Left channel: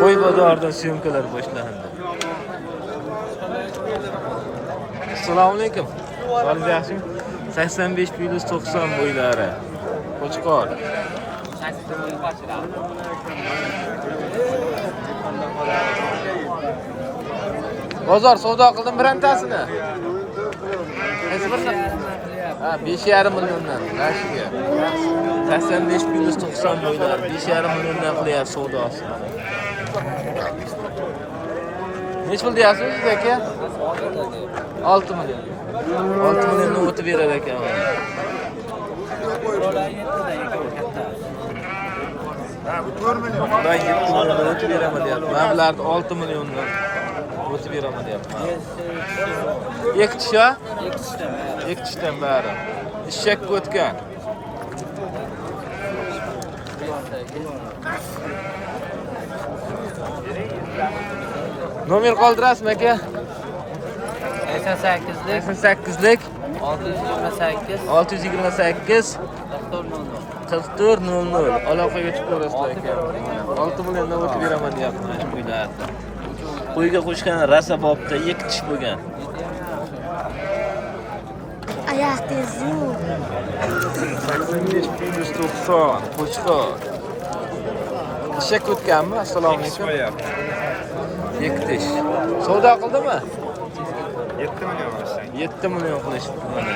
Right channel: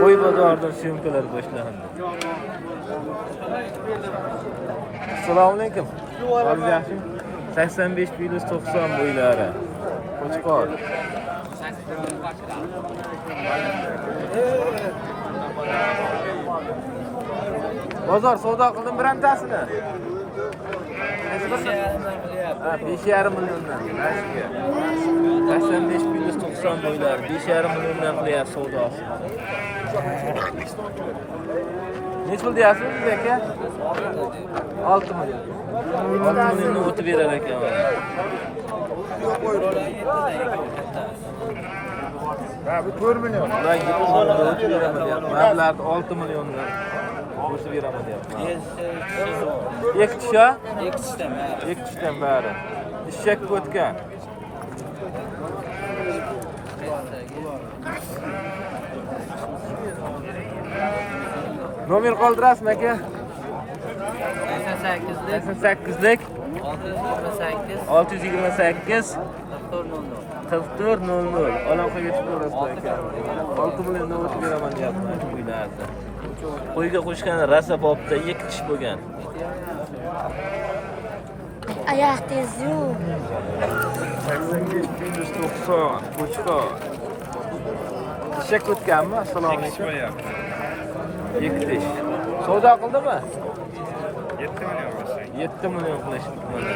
Qo'y bozoridan syomkalar boshlandi. Assalomu alaykum. Sog'lik yaxshimi? 85-90 bo'ylari. Qo'chqor. Bozor savdo qildim birontasini. Qaysi birini? Ha, 5,5 milliondan. Rashiga. 85-90 bo'ylari 5,5 milliondan qilyapti savdosi mana. Nech pul deyapsiz siz aka? 6 million. 6 milliondan o'tib berar ekan. Ha, bu 4 million. Ular 7 milliondan o'tib beraman deyapti. Men bularni 6 milliondan o'tib beraman deyapti. Ikki tish-a? Ikki tishdan bari. Ishakka o'tgan. Nomer qoldirasizmi aka? 88lik 628 4400 aloqaga chiqib ko'rasizlar ekanmiz mana 6 milliondan o'tib beraman deyapti mana shu uylarda. Qo'yga qo'shgan rasa bobda ikki tish bo'lgan. Oyoq tezi. 85-90 qo'chqor. Ishak o'tganmi? Assalomu alaykum. Ikki tish. Savdo qildimi? 7 million qilishdi mana.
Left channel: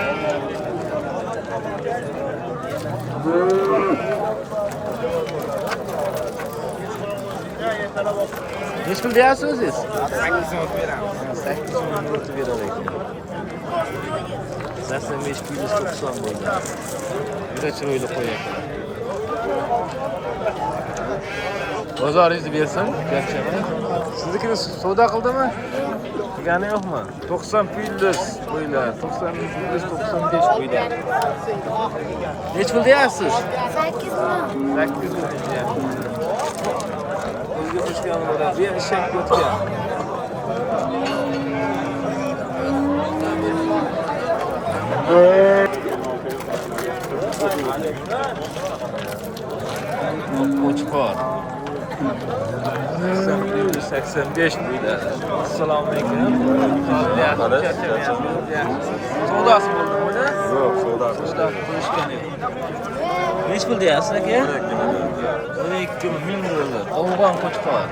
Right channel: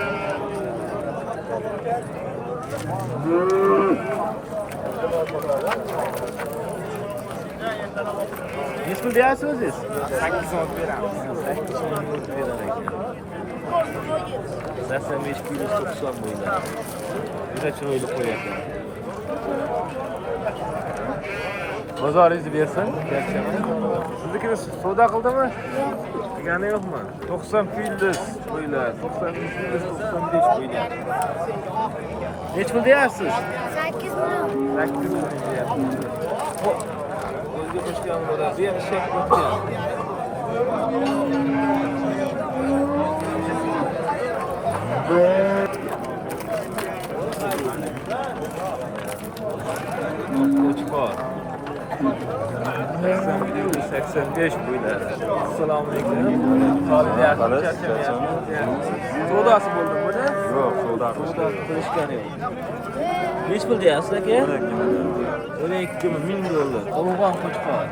Nech pul deyapsiz siz? 8 soat beramiz. 8 million o'tib berar ekan. 85-90 bo'ylari. Juda chiroyli qo'y ekan. Bozoringizni bersin, charchamang. Siznikini savdo qildimi? Qilgani yo'qmi? 90 plyus qo'ylar, 90 plyus 95 qo'ylar. Nech pul deyapsiz? 8 million. 8 million deyapsiz. O'ziga qo'shgan ular, bu ham ishak o'tgan. Qo'chqor. 85 bo'ylari. Assalomu alaykum. Sog'lik yaxshi, charchamayapsiz. Savdosi bo'ldimi buni? Yo'q, Savdo qilishgan yo'q. Nech pul deyapsiz aka? 12 ming dollar. Afg'on qo'chqor.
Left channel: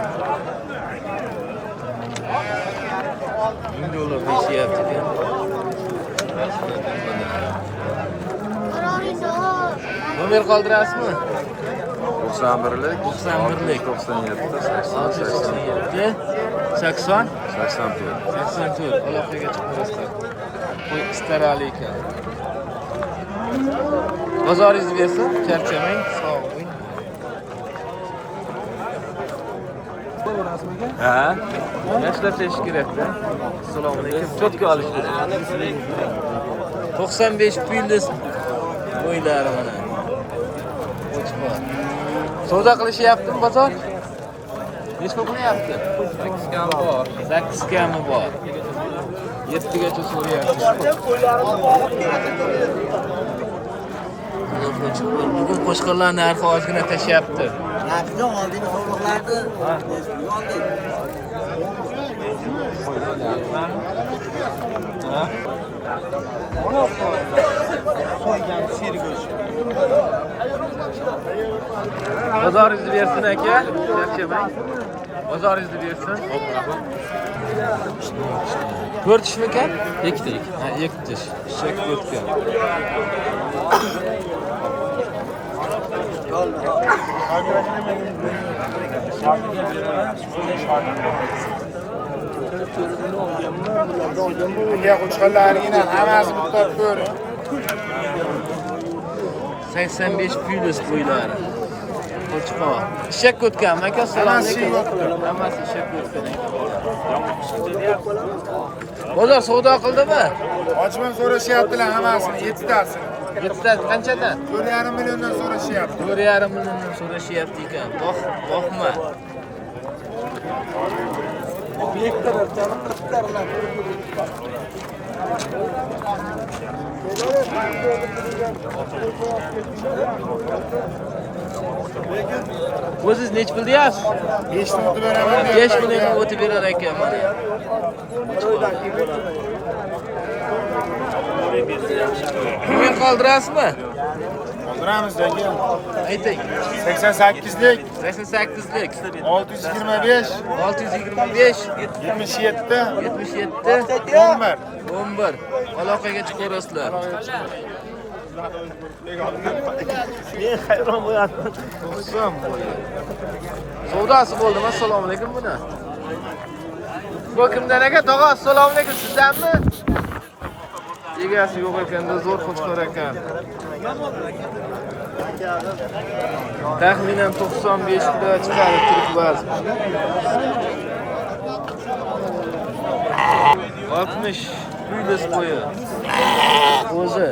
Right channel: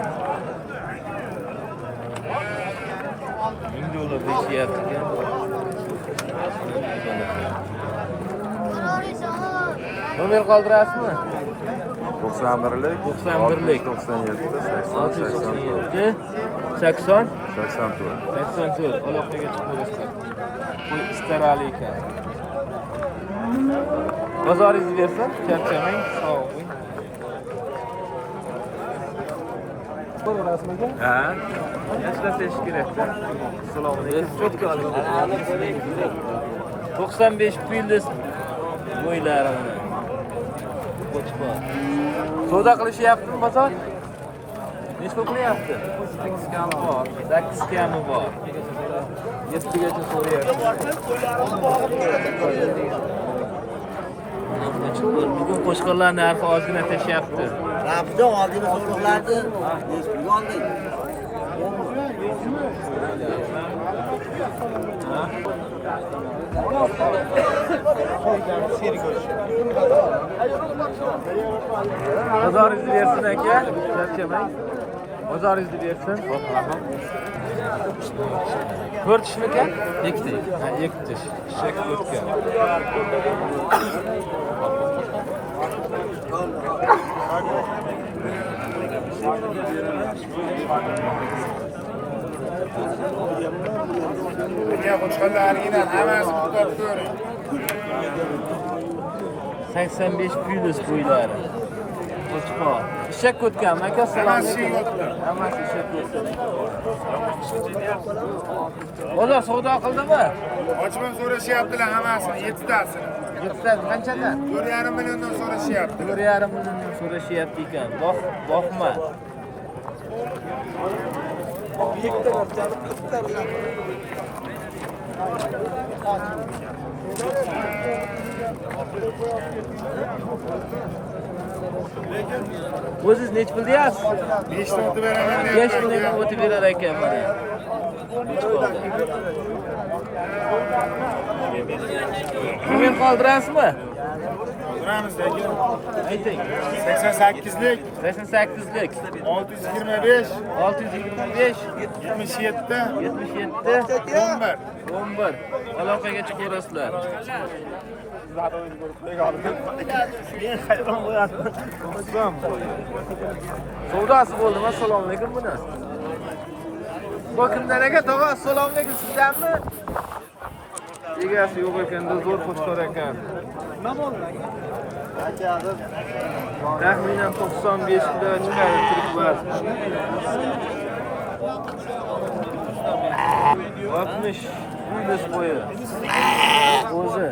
1000 dollar deyishyapti ekan. Nomer qoldirasizmi? 91lik 91lik 97 697 80 84. 84 aloqaga chiqib ko'rasizlar. Qo'y istarali ekan. Bozoringizni bersin, charchamang, sog' bo'ling. Ko'rasizmi aka? Ha. Yaxshilab kerak-da. Assalomu alaykum. Cho'tka olish kerak. 95 plyus bo'ylari mana. Qo'chqor. Savdo qilishyaptimi bozor? Nech pul qilyapti? 8 kam bor. 8 kami bor. 7 gacha so'rayapsiz. Bugun qo'chqorlar narxi ozgina tashyapti. Rafida oldin qo'ymoqlardi. Eskiga oldik. Ha? Bozoringizni bersin aka, charchamang. Bozoringizni bersin. 4 tishmikan? 2 tish. Ha, 2 tish. Ishak o'tgan. Ya qo'chqorlarning hammasi bitta ko'ri. 85 plyus bo'ylari. Qo'chqor. Ishak o'tganmi aka? Assalomu alaykum. Hammasi ishak o'tgan ekan. Bozor savdo qildimi? Ochman so'rashyaptilar hammasini, 7 tasini. 7 ta qanchadan? 4,5 milliondan so'rashyapti. 4,5 milliondan so'rashyapti ekan. Boqma. O'zingiz nech pul deyapsiz? 5 ta o'tib beraman. 5 million o'tib berar ekan mana. Men qoldirasizmi? Turamiz aka. Ayting. 88lik, 88lik 625, 625 77, 77 11. 11 aloqaga chiqaverasizlar. 90 bo'yi. Savdosi bo'ldimi? Assalomu alaykum buni. Bu kimdan aka? Tog'a, assalomu alaykum. Sizdanmi? Egasi yo'q ekanda, zo'r qo'chqor ekan. Taxminan 95 kilo chiqadi tirik vazn. 60 plyus bo'yi. O'zi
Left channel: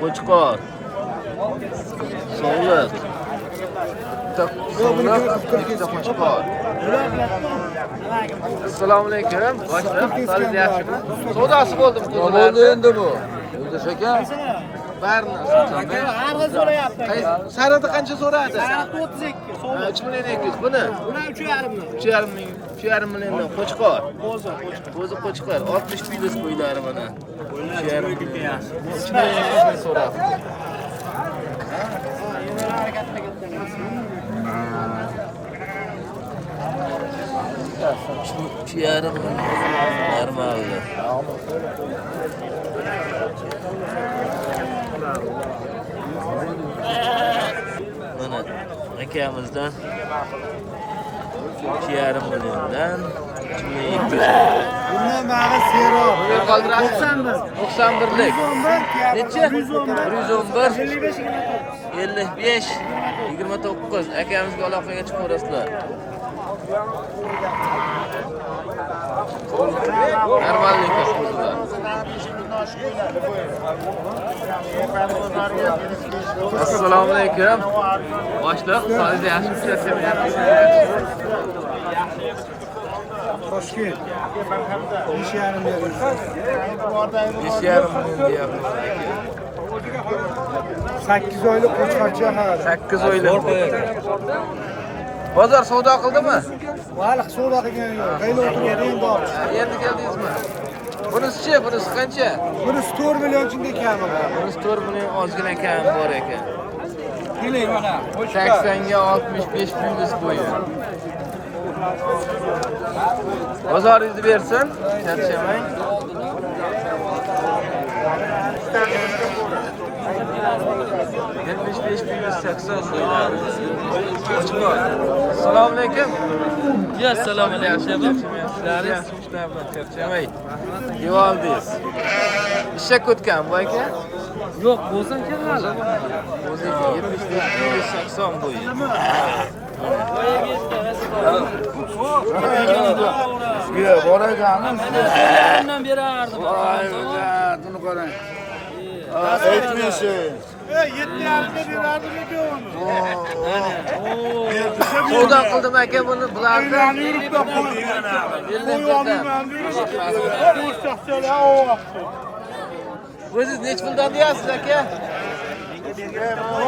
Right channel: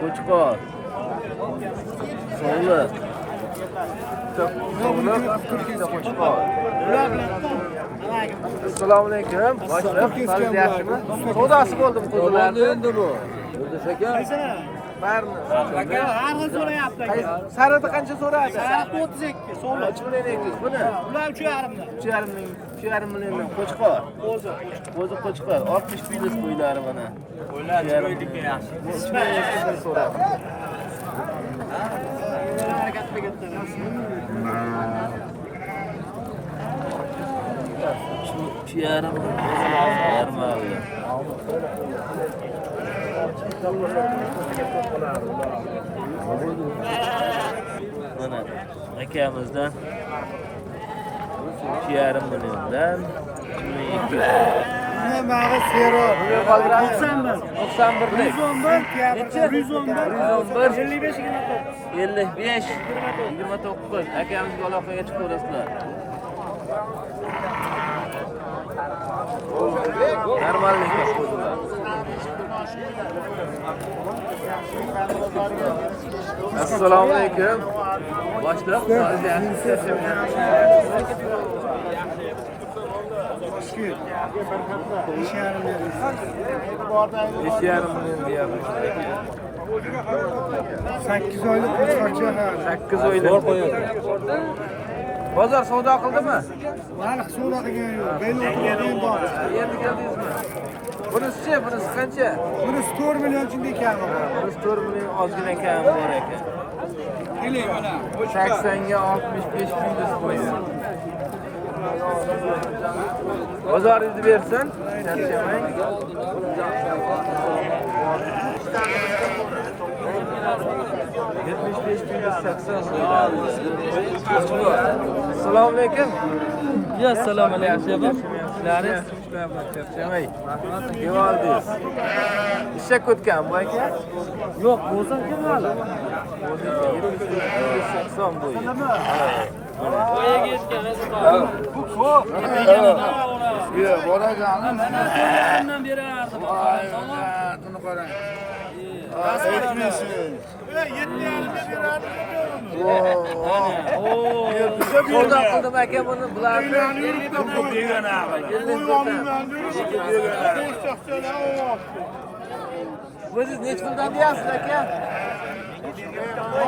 qo'chqor. Sog'liq. Bitta sog'liq, ikkita qo'chqor. Assalomu alaykum. Boshliq, qo'lingiz yaxshimi? Savdosi bo'ldimi qo'zilarni? Endi bu. Yo'ldosh aka. Barini. Hamma so'rayapti. Sarada qancha so'radi? 32 so'm. 3 million 200. Buni Bular 3,5 ming. 3,5 milliondan qo'chqor. O'zi qo'chqor. 60 plyus bo'ylari mana. 3,5 million. Bu 3 million 200 ming so'radi. Üç yarım normalde. Mana akamizdan 3,5 milliondan 2200. Bundan bana sero. Buni qoldirasiz? 91. 91lik. 111. Necha? 111. 111. 55 29 akamizga aloqaga chiqaverasizlar. Normallik qo'zilar. Assalomu alaykum. Boshliq, qo'lingiz yaxshimi? Charchamayapsizmi? Besh yarim million deyapman aka. 8 oylik qo'chqorcha hali. 8 oylik. Bozor savdo qildimi? Vali savdo qilgan. Endi keldingizmi? Bunisi-chi, bunisi qancha? Bunisi 4 million chinda kami. Ha, bunisi 4 million ozgina kam bor ekan. Keling mana. 80 ga 65 plyus bo'yi. Bozoringizni bersin, charchamang. Yetmiş beş plyus 80 bo'ylari. Qo'chqor. Assalomu alaykum. Assalomu alaykum. Yaxshi ishlar bilan charchamay. Devoldingiz. Ishak o'tgan bu aka? Yo'q, bo'lsa aka hali. O'ziga 75 plyus 80 bo'yi. Mana. Mana 4,5dan berardim. Savdo qildim aka buni bularni. 51dan. O'zingiz nech puldan deyapsiz aka?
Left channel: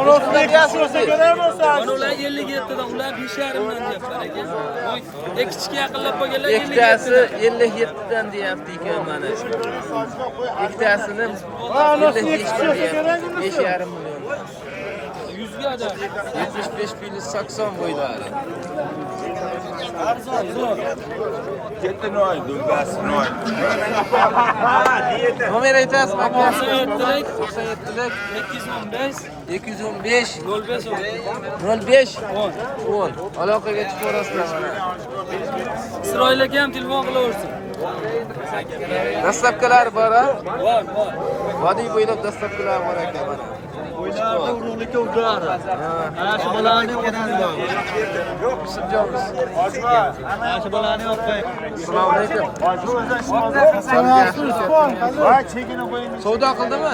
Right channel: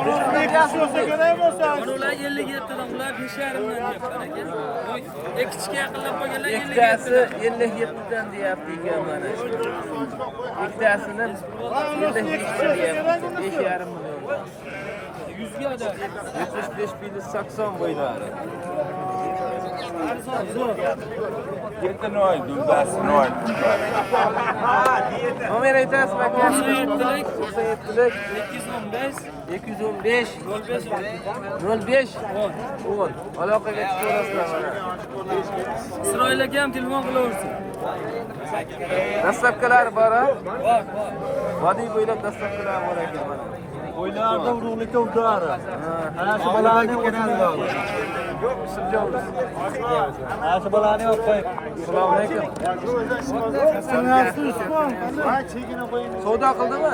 Nech puldan deyapsiz o'zingiz? Ular 57dan, ular 5,5dan deyapti aka. Kichik aqllab qo'yganlar. Ikkitasi 57dan deyapti ekan mana. Ikkitasini 55dan deyapti. 5,5 milliondan. 100 ga da. 75 plyus 80 bo'ylari. Nomer aytasizmi aka? 97lik 97lik 215 215 05 05 10 aloqaga chiqaverasizlar mana. Isroilga ham telefon qilaversin. Dastlabkilar bor a? Bor. Vodiy bo'ylab dastlabkilar bor ekan mana. Urug'likka uklari. Ha, Shu bolani kenaldi. Yusufjonmiz. Shu bolani olib qo'y. Assalomu alaykum. Savdo qildimi?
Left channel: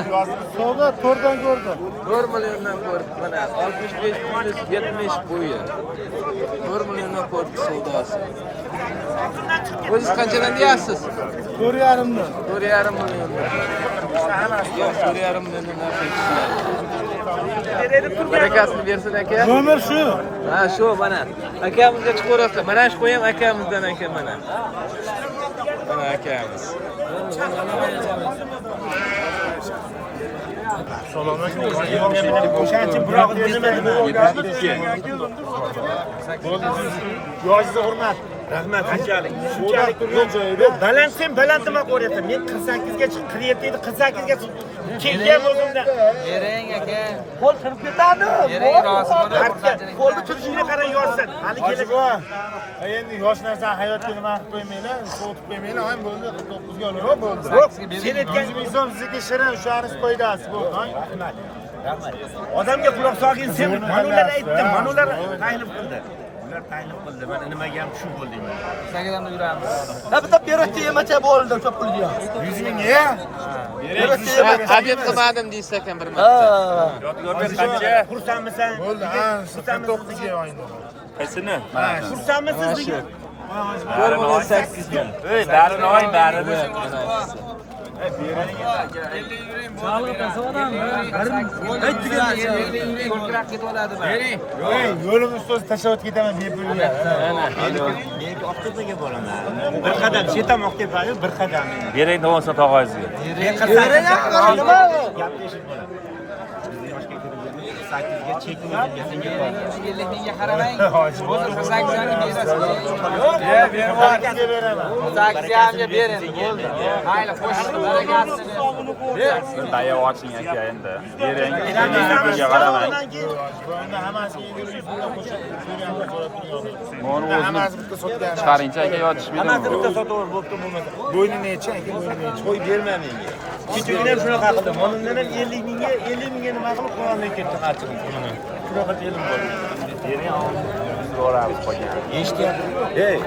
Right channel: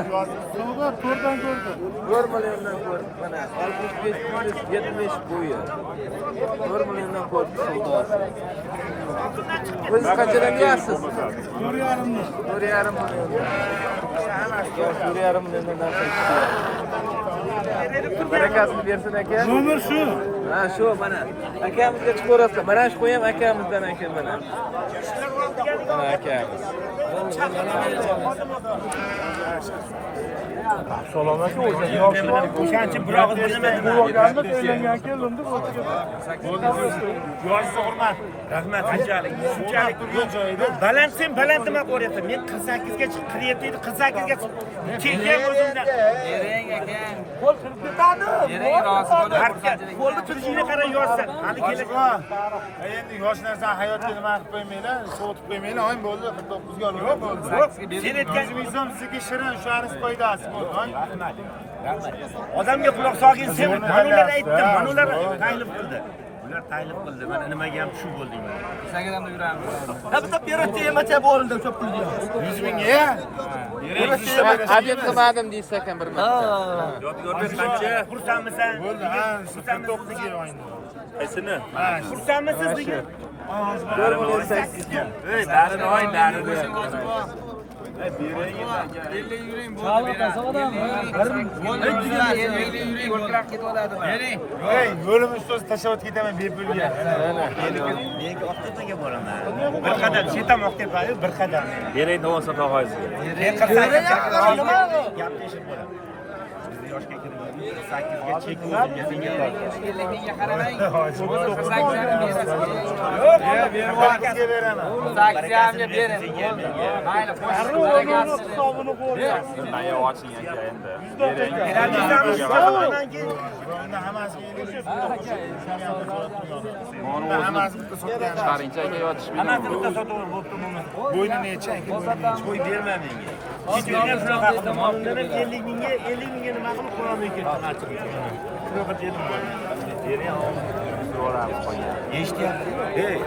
Savdo 4dan ko'rdim. 4 milliondan ko'rdi mana 65 plyus 70 bo'yi. 4 milliondan ko'rdi savdosi. O'zingiz qanchadan deyapsiz? 4,5dan. 4,5 milliondan. Ekan 4,5 milliondan narsa ishladi. Barakasini bersin aka. Nomer shu. Ha, shu mana. Akamizga chiqarasizlar. Mana shu qo'yam akamizdan aka mana. Mana akamiz. O'shancha buroq Yoshga hurmat. Rahmat. Qanchalik? Shunchalik turgan joyida. Baland sen baland nima qo'ryapsan? Men 48 ga chiqib 47 edi, 48 ga kelgan o'zimda. Bering aka. Qo'l kirib ketadi. Qo'lni turishingga qarab yoshsan. Hali kelib. Endi yosh narsa hayotga nima qilib qo'ymanglar, sotib qo'ymanglar. O'yin bo'ldi, 49 ga olaman bo'ldi. Sen aytgan so'm sizga shirin, o'shanish foydasi bo'ldi. Rahmat. Odamga quloq solgin, sen mana ular aytdi, mana ular taklif qildi. Ular taklif qildi. Men nimaga ham shu bo'ldim men. Sagadan yuramiz. Bitta berishdi, emacha bo'ldi, ko'p pulga. 100 ming ya. Habib qilmadim deysiz ekan bir marta. Xursandmisan? Bo'ldi, ha, 49 ga o'yinda. Qaysini? Ha, xursandmisiz? 48 ga. Ey, barini o'yin, barini. Yo'lim ustoz tashlab ketaman bepulga. Mana. Men avtodaga boraman. Bir qadam chetam o'qib bir qadam. Bering davomsa tog'angizga. Gap teshib bo'ladi. Bizni yoshga kirgandik 8 ga chek o'zimga senga qoldi. 50 mingga qaramang. 8 ga beraman. 8 ga bering. Bo'ldi. Mayli, qo'shib Tayoq oching aka endi. Bunda hammasiga 50 ming qo'shib so'rayapman, so'rab turibman. Bunda hammasi bitta sotgan. Chiqaringchi aka yotish Hammasi bitta sotaver bo'pti bo'lmasa. Bo'ynini necha aka, bo'ynini necha? Qo'y berma menga. Kichiklar shunaqa qildi. Bundan ham 50 mingga nima qilib qo'yolmay ketdi qachon. Mana. Shunaqa dedim bo'ldi. Eshityapti. Ey,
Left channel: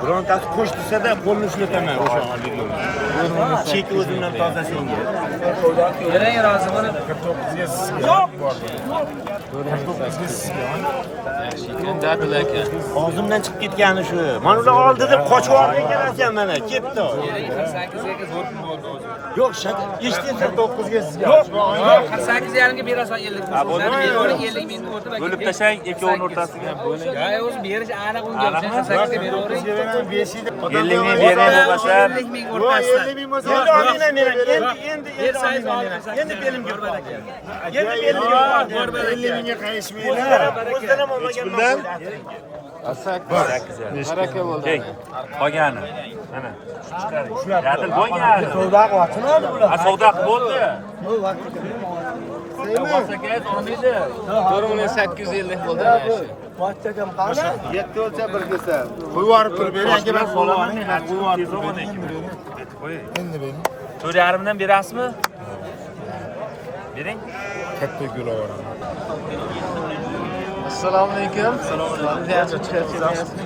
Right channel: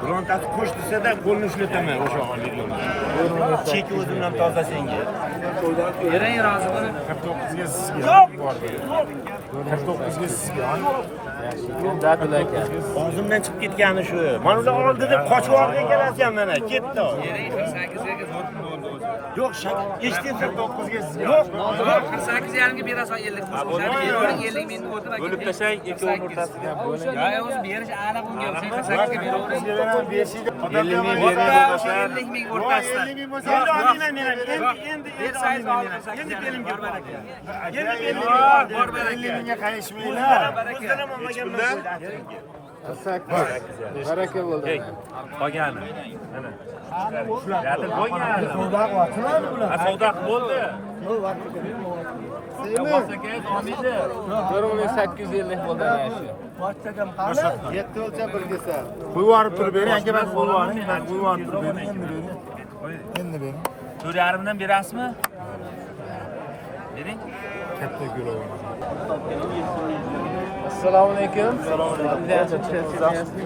birontasi qo'sh desa-da qo'lni ushlataman o'sha videoni. Chek o'zimdan toza senga. Bering rozimini. 49 ga sizga. Yo'q. 49 ga sizga. Yaxshi ekan, dadil aka. Og'zimdan chiqib ketgani shu. Mana ular oldida qochib olgan qarasam mana ketdi. 8 ga zo'r pul bo'ldi o'zi. Yo'q, eshitding 49 ga sizga. Yo'q, 48 yarimga berasan 50 ming. 50 ming o'tib bo'lib tashlang ikkovining o'rtasiga Bo'ling. Ya o'zi berish aniq unga 48 ga 49 ga beraman, 5 yil. 50 ming bering boshlar. 50 ming Voy, o'rtasida. 50 ming bo'lsa, endi Bersangiz olib endi belim Borbar aka. Endi belim 50 mingga qayishmanglar. O'zdan ham olmagan Baraka bo'ldi. Qolgani. Mana. Yadil bo'lgan. Savdo ochiladi bular. Savdo bo'ldi. 4850 bo'ldi ana shu. Yetti o'lcha bir desa. Qo'yib turib bering, aka men qo'yib yuboring. Ben qo'yib turib bering, endi bering. Endi bering. 4,5 dan berasizmi? Bering. Katta gul olaman. Assalomu alaykum. Vaziyatni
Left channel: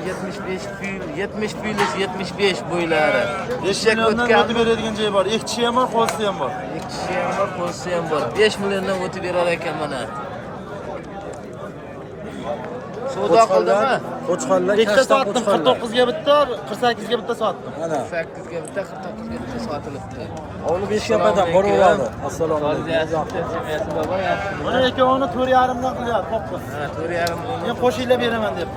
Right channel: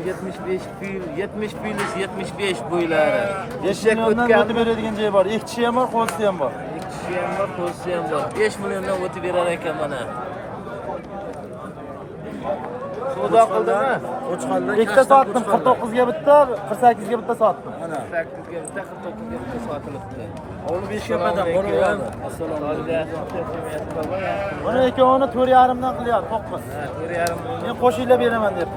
75 bo'ylari. Eshak o'tgan beradigan joyi bor. Ikkisi ham bor, qo'lsi ham bor. ikkisi ham bor, qo'lsi ham bor. 5 milliondan o'tib berar ekan mana. Savdo qildimi? Qo'chqonlar ikkita sotdim, 49 ga bitta, 48 ga bitta sotdim. Mana. 8 ga bitta, 49 ga bitta sotilibdi. Ovni 5 ga bitta boraveradi. Assalomu alaykum. Baba yaxshimi? Mana ikkovini 4,5 dan qilyapti, topqir. Ha, 4,5 million. Men qo'shinglar beraman deb.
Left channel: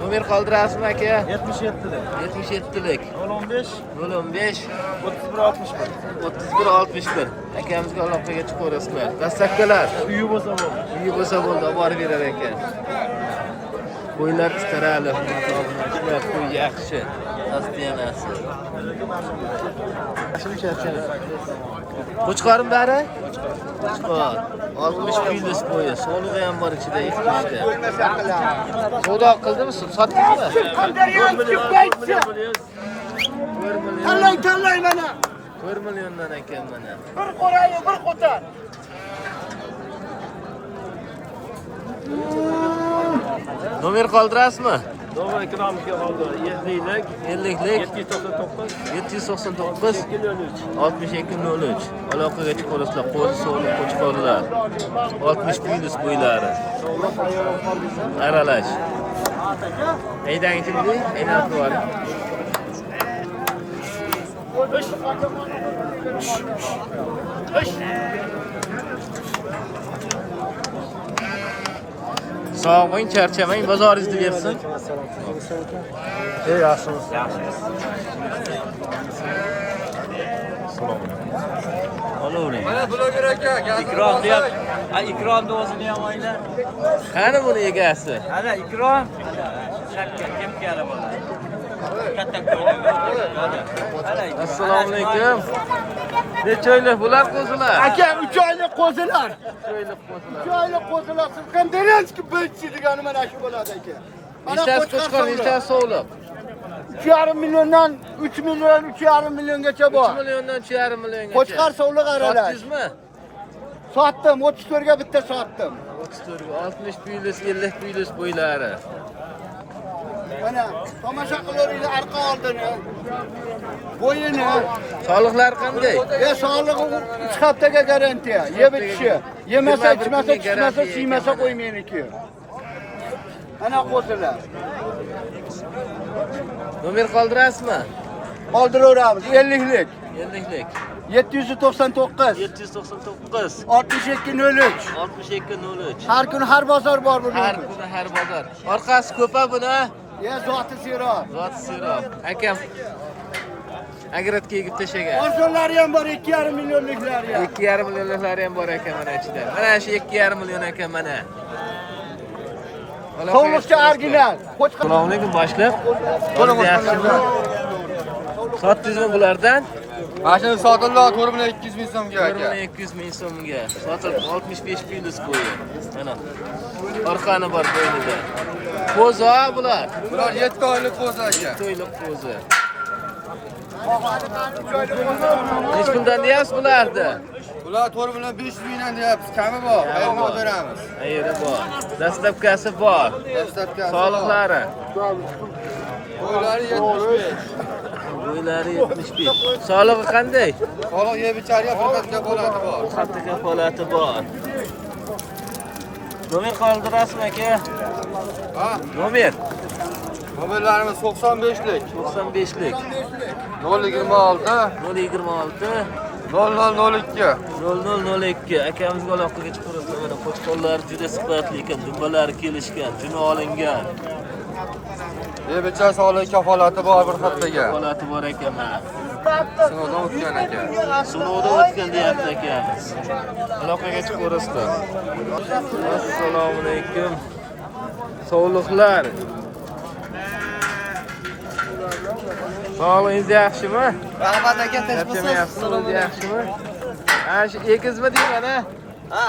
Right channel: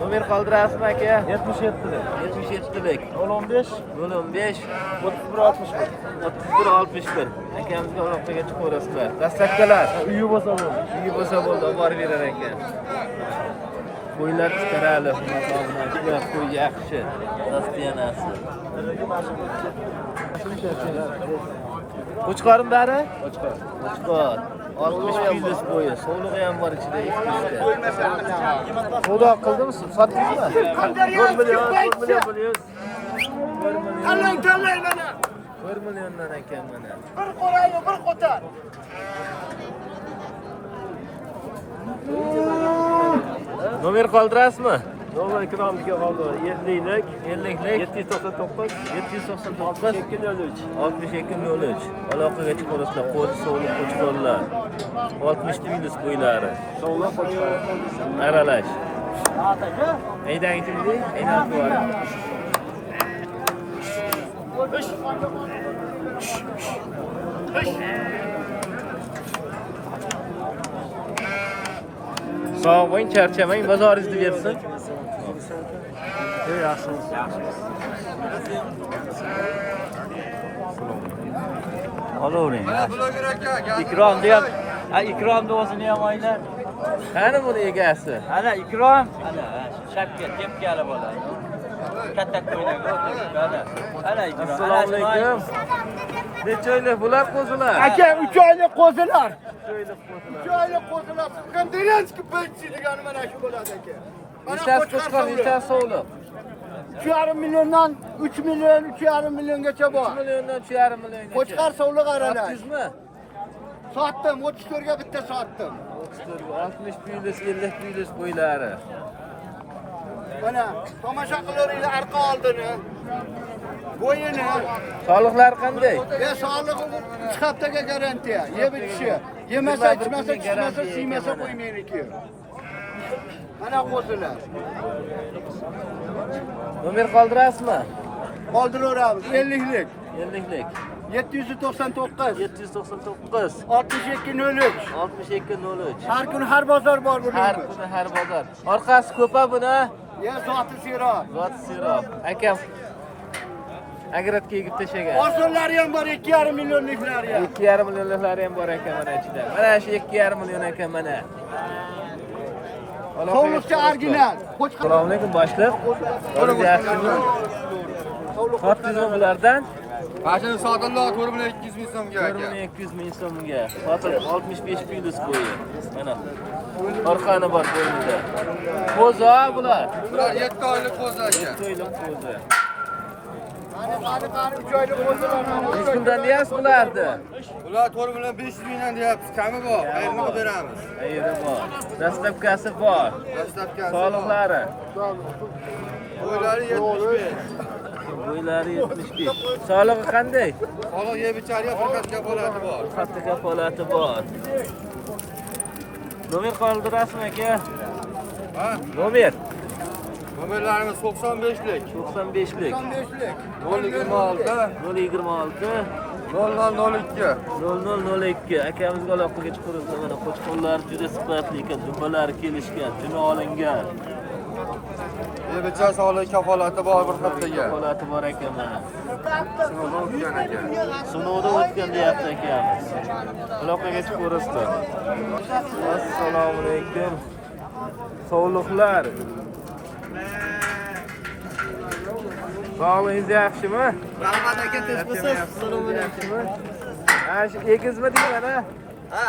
Nomer qoldirasizmi aka? 77 lik. 77lik. 015 015 3161. 3161. Akamizga aloqaga chiqaverasizlar. Dastlabkilar. Uyi bo'lsa bo'ldi. Uyi bo'lsa bo'ldi, olib borib berar ekan. Qo'ylar istarali, hurmatli obunachilar, qo'y yaxshi. Dostiyanasi. Shuncha. Qo'chqorim bari? Qo'chqor. 60 plyus bo'yi, sog'lig'i ham bor ichida, ikkita. Savdo qildimi, sotdingmi? 4 million. 4 million. Tanlay mana. 4 milliondan ekan mana. Nomer qoldirasizmi? Nomer ekranimizga qoldi. 50 lik. 799 6203. Aloqaga chiqaverasizlar. Qo'zi sog'liq qo'chqorlar. 60 plyus bo'ylari. Aralash. Aydan kimdi? Aynalib qo'yaring. Sog' bo'ling, charchamang, bozoringizni bersin. Ey yaxshimiz. Salom. Olavering. Ikromni ham, ikromni o'zini ham o'ylar. Qani buni egasi? Ana ikrom. Shakka kim keladi? Katta qo'ydi. Assalomu alaykum. Necha oylik bular qo'zilar? Aka 3 oylik qo'zilar. 3 oylik qo'zilar. 3 oylik qo'zilar. Konferensiya bo'lsa degani mana shu bo'ladi aka. Nechtasi qo'chqor, nechtasi so'liq? 2,5 milliondan 3 million, 3,5 milliongacha bor. 3 milliondan 3,5 milliongacha. Qo'chqor so'liq aralash. Sotdingizmi? Sotdim, 34 ga bitta sotdim. 34 ga 60 plyus, 50 plyus bo'ylari. Mana tomosha qilaveringlar arqa oldini. Bo'yini. Sog'liqlari qanday? Sog'lig'i 3 haftaga garantiya. Yeb ichishi. Yemasa, ichmasa, chiqmasa, siymasa qo'ymaydi. Ana qo'zilar. Nomer qoldirasizmi? Qoldiraveramiz. 50lik. 50lik. 799 799 6203. 6203. Har kun har bozor bor buning. Har kuni har bozor. Orqasi ko'pa buni. Ya zoti serob. Zot sirob. Akam agratga egib tashagan. Orzulari ham bor, 2,5 millionliklari ham. 2,5 millionliklari ham bor ekan mana ichida. Mana shu 2,5 million ekan mana. So'nggi original. Assalomu alaykum boshliq. Qo'lingiz yaxshimi? Sotdingizmi bulardan? Mashina sotildi 4,200 ming so'mga. 4,200 ming so'mga. Sotilib 65 plyus bo'yi. Mana. Orqani bor bo'ynida. Qo'zi bular. Bular 7 oylik qo'zi aka. 7 oylik qo'zi. Nech puldan deyapsiz bularni? Ular 4,500 mingdan deyapsiz. Kami bor. Qayerni olib beramiz? Qayerda bor? Dastlabkasi bor. Dastlabkasi. Sog'liqlari. Bo'ylari 75. Bo'ylari 75. Sog'lig'i qanday? Sog'liq yeb ichariga bir xatga holati bor. Xatda kafolati bor. Nomer qoldirasizmi aka? Ha? Nomer Mobillarimiz 95lik. 95lik. 026 026 0002. 0002. Akamizga aloqaga chiqamiz. Mana qo'chqorlar juda sifatli ekan, dumbalari kelishgan, juni olingan. Yeb ichar sog'liq kafolati bor bir xatga. Kafolati bor ekan mana. Sinovdan o'tgan aka. Sinovdan o'tgan deyapti akamiz. Aloqaga chiqaverasizlar. Assalomu alaykum. Sog'liqlar. Sog'lig'ingiz yaxshimi? Rahmat aka, Yaxshimi? Yaxshimi? Ha, shu egizmi deyman, ha? Ha.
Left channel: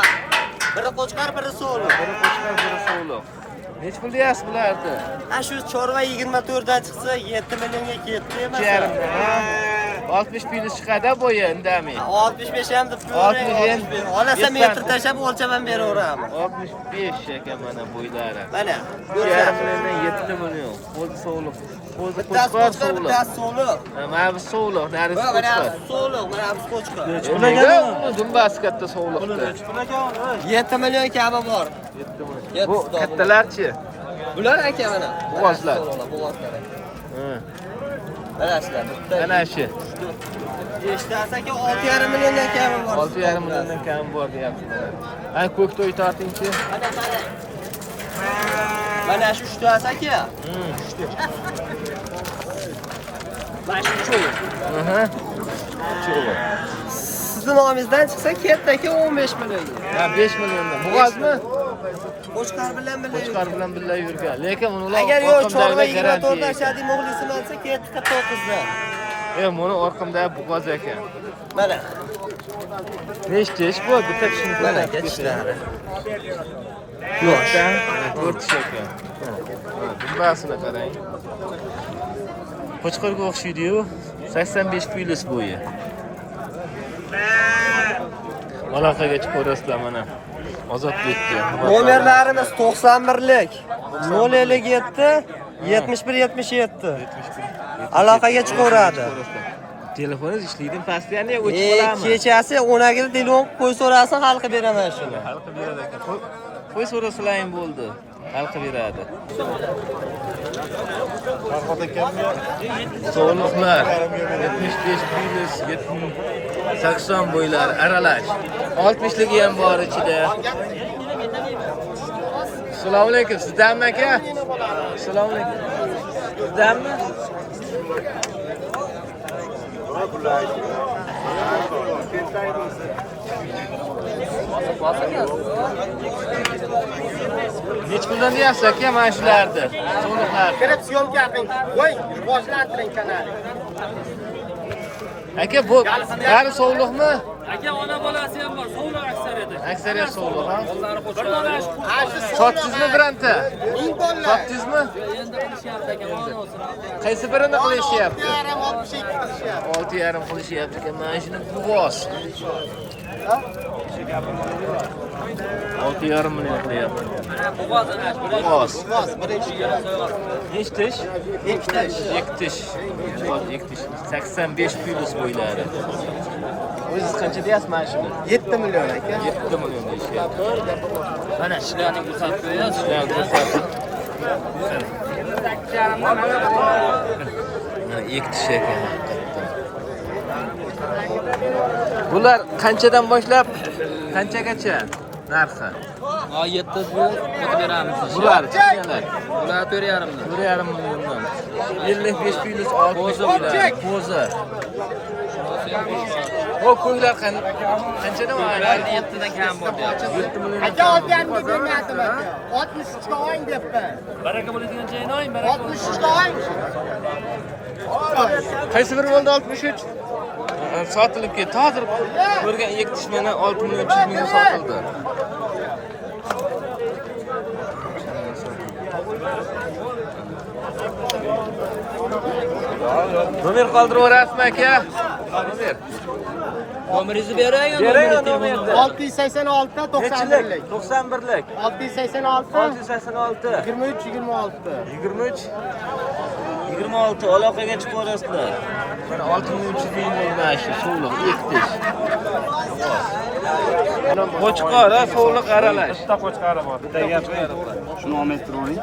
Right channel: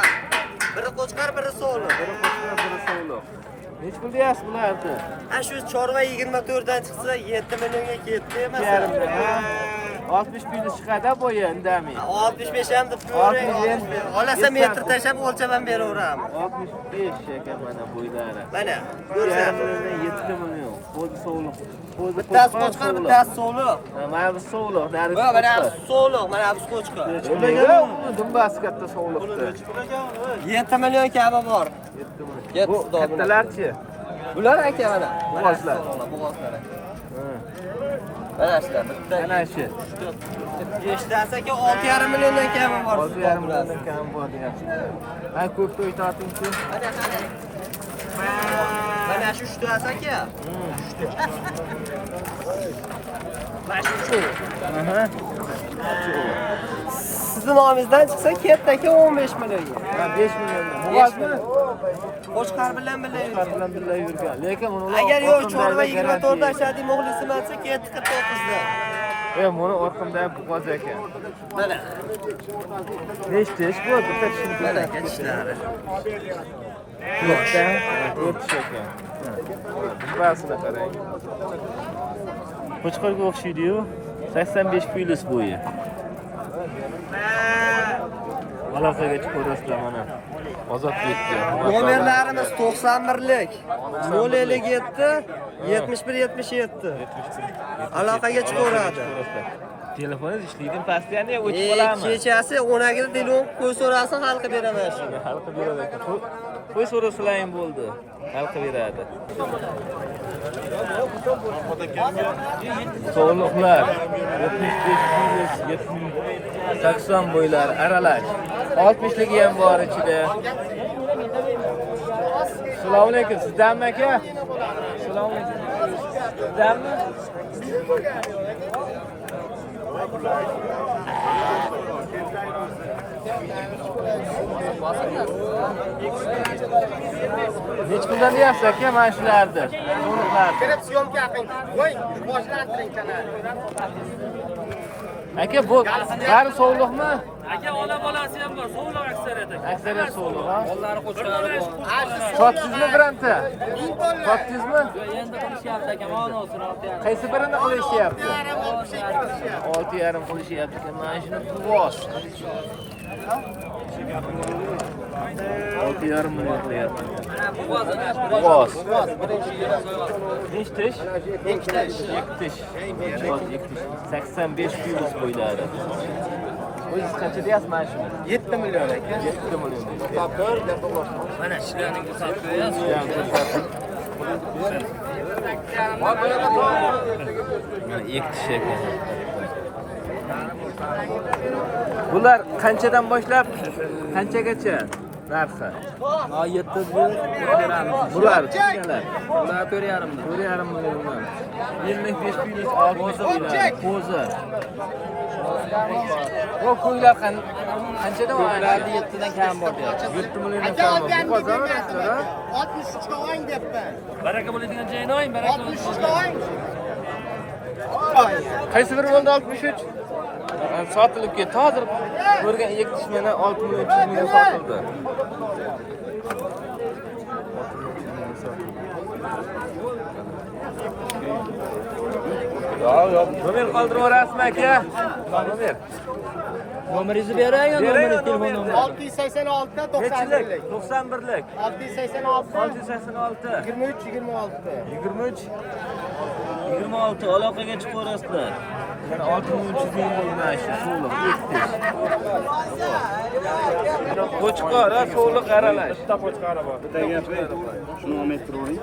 Biri qo'chqar, biri so'liq. Biri qo'chqar, biri so'liq. Nech pul deyapsiz bularni? Ha, shu chorva 24 dan chiqsa 7 millionga ketdi emas. 2,5 dan, ha? 60 plyus chiqadi bo'yi indamay. 65 ham deb 60 Olasa metr tashlab o'lchab ham beraveramiz. 65 ekan mana bo'ylari. Mana, 2,5 milliondan 7 million. Qo'zi so'liq. Qo'zi qo'chqar so'liq. Bittasi so'liq. Mana bu so'liq, narisi Mana qo'chqar. bu so'liq, mana bu qo'chqar. Nega uni dumbasi katta so'liqda? 7 million kabi bor. 7 million. Bu kattalarchi? Bular aka mana. Bo'g'ozlar. Bo'g'ozlar. Ha. Mana shular bitta. Mana shu. Eshitasiz aka 6,5 milliondan kami bor. 6,5 milliondan kam bor deyapsiz mana. Ha, ko'k to'y tortingchi. Mana shu tushtasi aka. Mana shu cho'g'. Aha. Cho'g'. Sizni nomingizdan chiqsa ketdi aka 15 million. Ha, 5 milliondan. Bo'g'ozmi? Qo'chqar bilan birga. Qo'chqar bilan birga yurgan. Lekin ular Agar yo'q cho'g'ga 24 dan shadi muxlisim olsa ketdi 49 dan. Buni orqamdagi bo'g'oz ekan. Mana. Nechta ish bu? Bitta kishini ko'rsatib ketadi. 4 tish ekan. Ha, dumbasini qarang. Qo'chqorga o'xshaydi-yu. 85 plyus bo'yi. Aloqaga chiqaverasizlar mana. Ozodbekka. Nomerlarimiz 91lik 057 71 77. Aloqaga chiqaveradi. Telefoningiz ishlaydi, pastiyani o'chib qolami? Kechasi 12 da telefon qo'y so'rasin, hal qilib beraman shu. Hal qilib beradi ekan. Qo'y so'rasalaring bo'ldi. Hal qilib beradi. Sog'liqlar 75 plyus 80 bo'ylari aralash. 60ligi ham bor ichida. Assalomu alaykum. Sizdanmi aka? Assalomu alaykum. Sizdanmi? Nech kundan deyapsiz aka mana shularni? So'liqlarni. Aka bu bari so'liqmi? Aka ona bolasi ham bor, so'liq aksariyati. Aksariyat so'liq, ha? Qo'llari qo'shqalari bor. Sotdingizmi biranta? Sotdingizmi? Endi qilishyapti aka, ma'lum bo'lsin. Qaysi birini qilishyapti? 6,5 qilishyapti ekan. Mana shuni buvoz. 6,5 million qilyapti. Buvoz. Nechta tish? 2 tish. 2 tish. Buvoz 2 tish. 85 plus bo'ylari. O'zingiz qancha deyapsiz mana shuni? 7 million aka. 7 million deyishyapti. Mana ishlarni ko'rsatib qo'yasiz. Shuni ko'rsating. Mana 2 tish ekan haqiqatdan. Bular qanchadan boshlab qanchagacha narxi? 7 o'tib beramiz. Bular kichkinalar. Bular 4,5 dan. 4,5 milliondan. 55 plus 6 bo'ylari. Qo'zi. O ko'ylar qanchadan Bularni 7 dan kam bor deyapti. 7 milliondan kam. Bu qozonmi sizlar, ha? 63 ga oling debdi. Baraka bo'ladigan joyini oling, baraka. 63 ga oling. Qaysi biri bo'ldi 63? Sotilib ketdi. Hozir ko'rgan 2 tish mana 6 million 300 mingga sotildi. Nomer qoldirib o'rasizmi aka? Nomer. Nomeringizni berang, Berang nomerni. 686 ta 91 Nechilik? lik. 91 lik. 686 686. 23 26. 23 26 aloqaga chiqaverasizlar. Mana 6300 ming bo'ldi mana shu so'liq ektish. Qo'chqor, ha, so'liq aralash. Bitta qo'chqori bor. Bitta qo'chqori bor. Shuni olmay turing.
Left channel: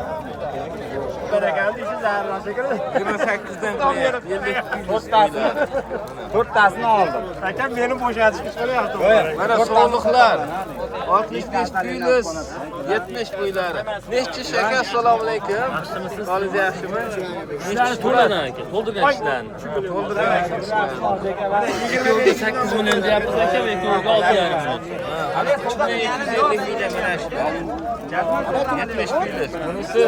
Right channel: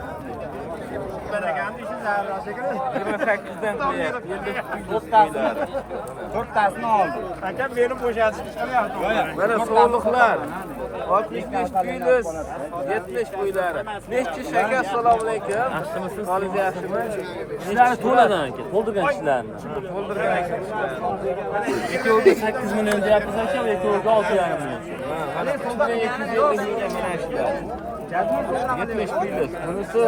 28 dan qilyapti. 50 plus qo'ylari. To'rttasini oldim. Akam meni bo'shatishga chiqaryapti. Mana so'liqlar 65 plus 70 qo'ylari. Nechchi shaka? Assalomu alaykum. Holingiz yaxshimi? Nechchi to'ladan aka? To'ldirgan ishlarni. To'ldirgan ishlarni. Ikkoviga 8 million deyapmiz aka, va ikkoviga 6,5 million. Ha, mana 2,250 million mana shular. 70 plus. Bunisi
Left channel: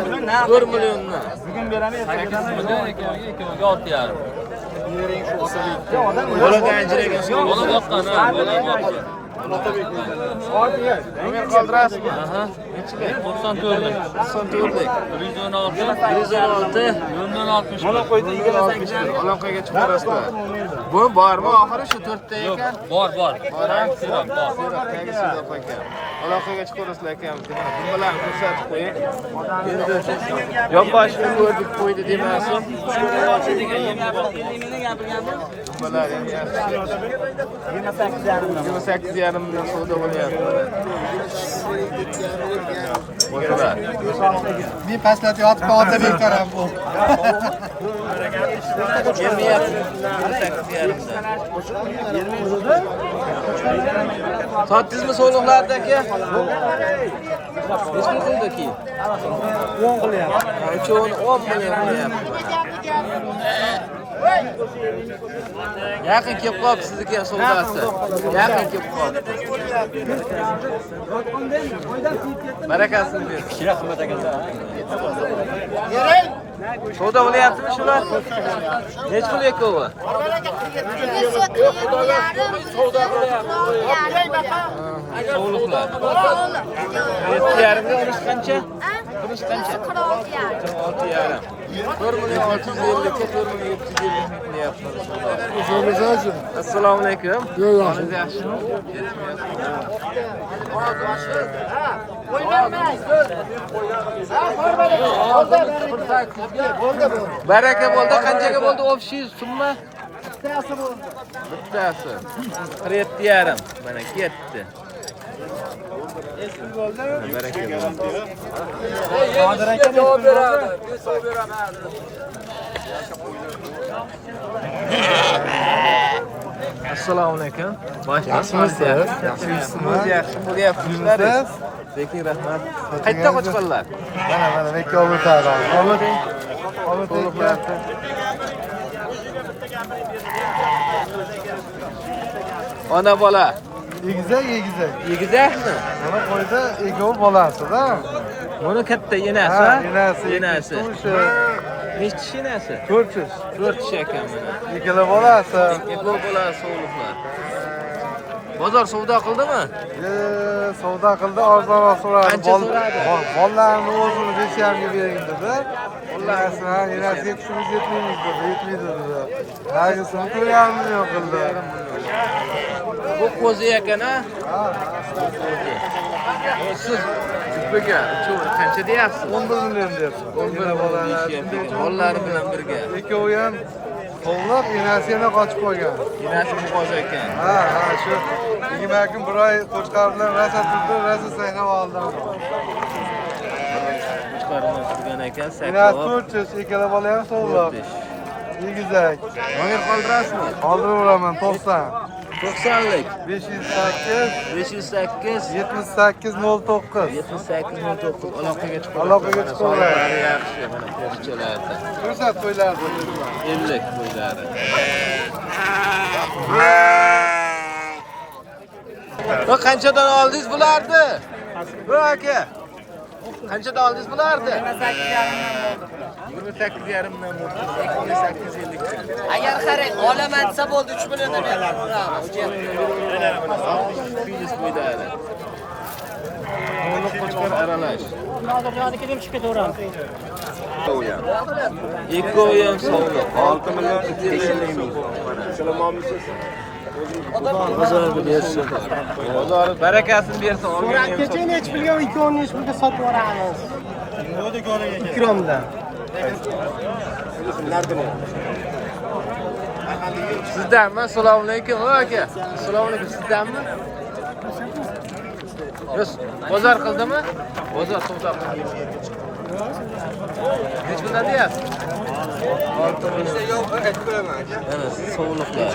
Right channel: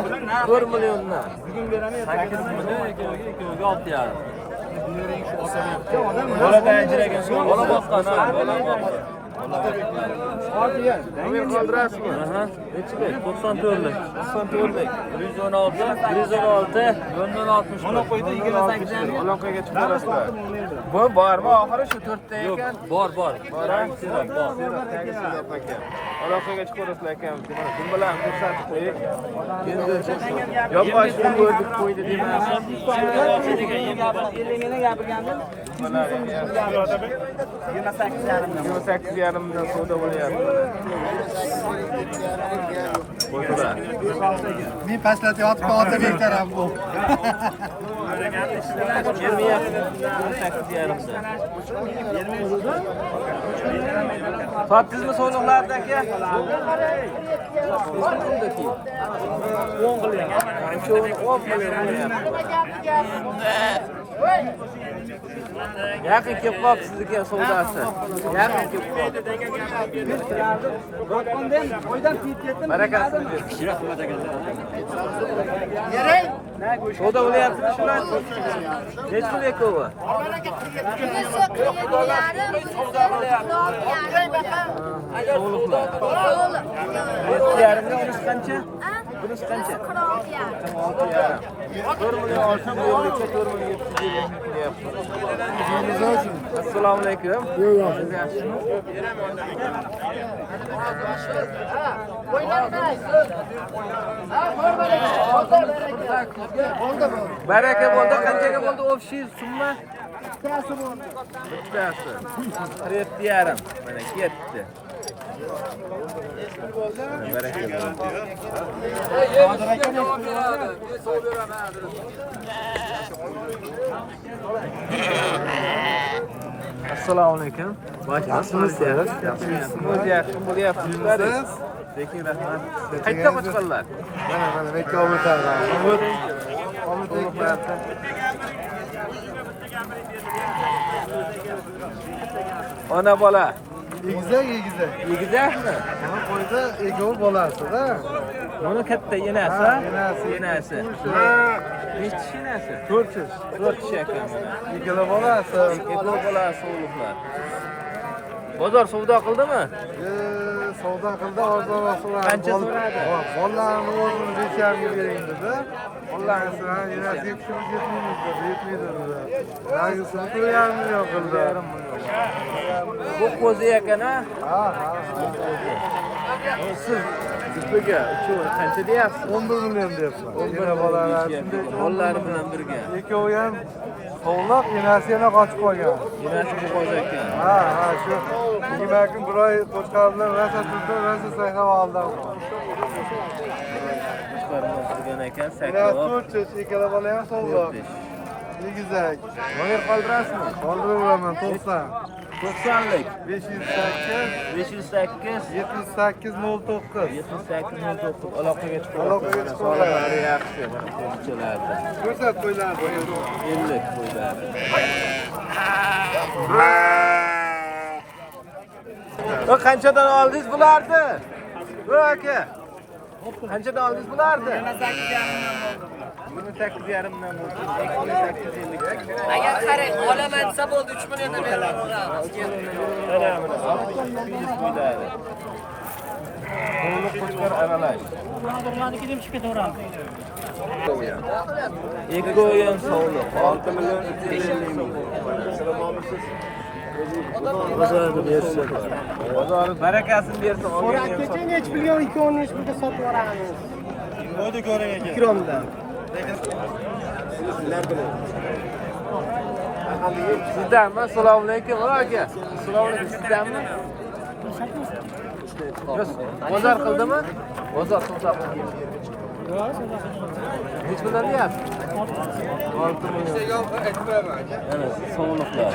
4 milliondan. Bugun beraman. 8 million, ikkoviga 6,5. Boladan ajragan so'liq. Bola boqqan, ha, bola boqqan. Nomer qoldirasizmi? Aha. Nechilik? 94 lik. 94 lik. 116, 116 0061. 061. Aloqaga chiqarasizlar. Bu bormi? Oxiri shu 4 ta ekan. Bor. Bor, ha? Sirop bor. Sirop, tagi sirop ekan. Aloqaga chiqarasizlar ekan. Mana dumbalarni ko'rsatib qo'ying. Endi yonboshini ko'rdik qo'ydi demasin. Dumbalar ham yaxshi. 28,5 million savdo bo'lyapti mana. Qo'shilar. Men pastlatib yotib ota bektaram bu. Kelmayapti 28,5 dan. Sotdingizmi so'liqlarni aka? Nechta qildi keyin? 10 qilyapti. Ha, uchovini 10 million qilyapti mana. Yaqin kelib qoldi sizniki ham savdosi. Yaqin kelib qoldi. Barakasini ber. Savdo bo'lyaptimi shular? Nech pul ekovi? So'liqlar. 7,5 ga urish qancha? Urish qancha? 46,5. 4 million 650 ga 4 million 750 ming qilyapti. Assalomu alaykum. Holingiz yaxshimi? Baraka bo'ldi. Qanchaga bo'ldi общий summa? Bittasi bo'ldi. Bittasi 47,5. Mana ketdi. Mana baraka bo'ldi. Assalomu alaykum. Yaxshimisiz? Yaxshimisiz? Yaxshi bo'lyapti ishlaringiz? Peki rahmat. Qayerda qo'chqonlar? Mana ikki o'rtada. To'liqlarda. Ona bola. Egizak. Yegizakmi? Mana qo'yda egov bolasi-da. Buni katta enasi, Ha, enasi. Nechta kishi enasi? 4 kishi. 4 kishi ekan mana. Ikkala bolasi. Eko'p bolasi so'g'liqlar. Bozor savdo qildimi? Savdo qildi, arzon so'radi. Qancha so'radi? Bollarni o'zini 5.5 ga bering dedi. Bollarni enasi yetishimiz yetmaymiz dedi, yetmaydi dedi. Halisini 4.5 million qildi. Bu qo'zi ekan a? Bu qo'zi. Siz jupiga uchovini qancha deyapsiz? 11 million deyapman. 11 million bolalari bilan birga. Ikkovi ham sovliq, enasi yana qochib qolgan. Enasi bu qo'zi ekan. Ha, shu 20 kun bir oy qo'chqar bilan rosa turdi, rosa sakrab oldim. Qo'chqarimdan turgan ekan, Enasi sakrab. 400, ikkala bola ham sovliq. Egizak. Nomer qoldirasizmi? Qoldiraveraman 90. 90lik 508 508 7809. 7809 aloqaga chiqib Aloqaga mana chiqib soliqlari yaxshi, mana qo'zichalarda. Ko'rsat qo'ylardi. 50 qo'ylari. Va qanchadan oldingiz bularni? Va aka. Qanchadan oldingiz bularni? 28,5 dan bo'ldi. 2850 dan. Agar qarang, olaman desa bo'ldi 3 milliondan beraveramiz. 3 milliondan beraveramiz mana 60 filiz qo'ylari. To'liq qo'chqar aralash. Eko'yi ham sog'liq. 6 million 250 so'm bo'ldi mana. Bozorni bersa, bozori barakasini bersa olgan ham Kecha 3 million 2.5 millionga sotib yuboramiz. Nima do'koniga? Ikromdan. Sizdanmi? Assalomu alaykum aka. Assalomu alaykum. Sizdanmi? Yo'q, bozor qildimi? Bozor savdo qildimi? Hech bundan deyapsiz? 6 million. Mana sog'liqlar.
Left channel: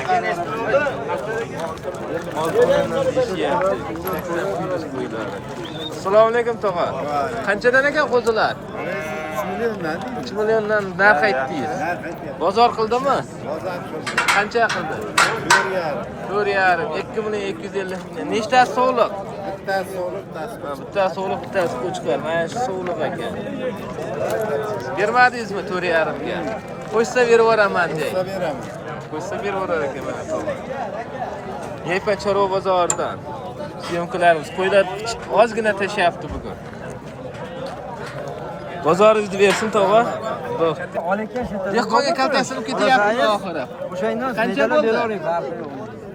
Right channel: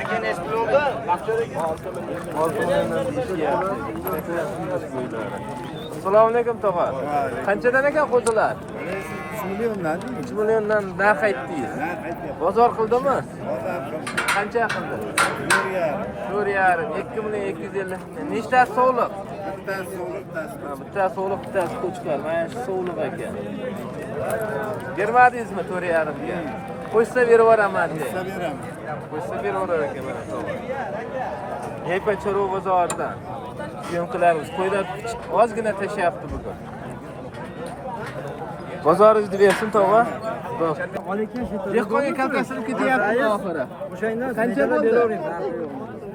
6 milliondan deyishyapti. 80 filiz qo'ylari. Assalomu alaykum tog'a. Qanchadan ekan qo'zilar? 3 milliondan. 3 milliondan narx aytdingiz. Bozor qildimi? Qancha qildi? 4,5. 2 million 250 ming. Nechtasi sog'liq? Bittasi sovliq, bittasi. Ha, bittasi sog'liq, bittasi qo'chqar. Mana shu sog'liq ekan. Bermadingizmi 4,5 ga? Qo'ysa berib yuboraman deng. Beraman. Qo'ysa berib yuborar ekan mana tog'a. Yaypa Chorva bozoridan. Syomkalarimiz qo'ylar ozgina tashyapti bugun. Bozoringizni bersin tog'a. Bo'p. Dehqonga kaltasini ketyapti oxiri. Qancha bo'ldi?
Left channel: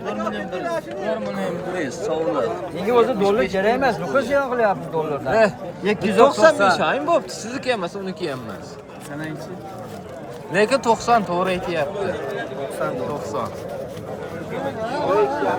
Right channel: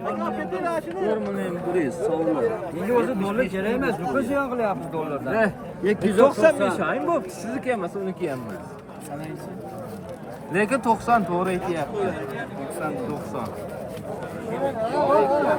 4 million 100 sovliq. Nega o'zi dollar kerak emas, buqa ziyon qilyapmiz dollardan. 295 ayim bo'pti, sizniki emas, uniki ham emas. Sanaychi. Lekin 90 to'g'ri aytyapti. 90.